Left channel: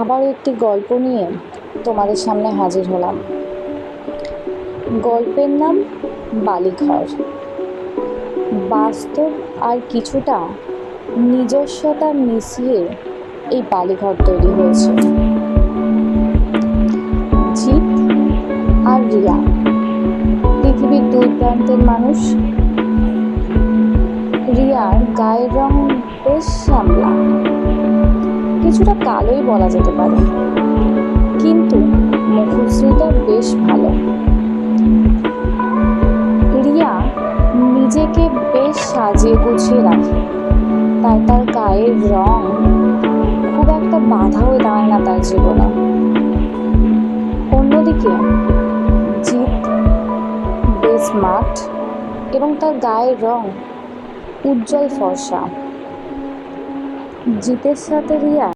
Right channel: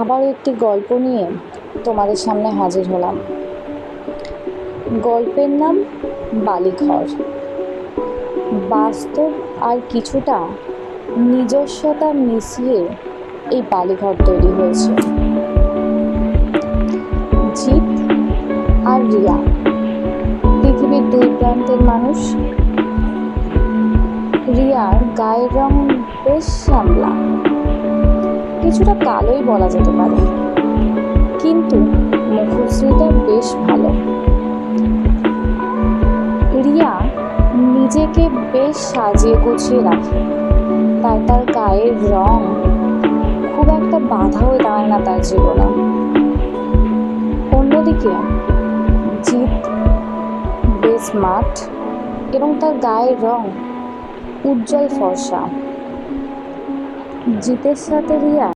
আবারও একটি গল্প নিয়ে তোমাদের সামনে হাজির হলাম। গল্পের নাম বালিঘর। বাস্তব আর কিছুটা নিজস্বতা মিশিয়ে এই বালিঘর তৈরি হয়েছে। জিৎ আর রিয়া পৃথিবীর দুই প্রান্তের মানুষ। রিয়ার গায়ের রং বেশ শ্যামলা, কিছুটা কালোই বলা যেতে পারে, কিন্তু মুখশ্রীটা বেশ ভালো। রিয়া নিজেকে বেশ সাজিয়ে গুছিয়ে রাখে, তাই তার গায়ের রং খুব একটা বাধা হয়ে দাঁড়ায় না তার জীবনে। অন্যদিকে জিৎ বেশ স্মার্ট এবং তার গায়ের রং উজ্জ্বল ফর্সা। জিতের সাথে রিয়া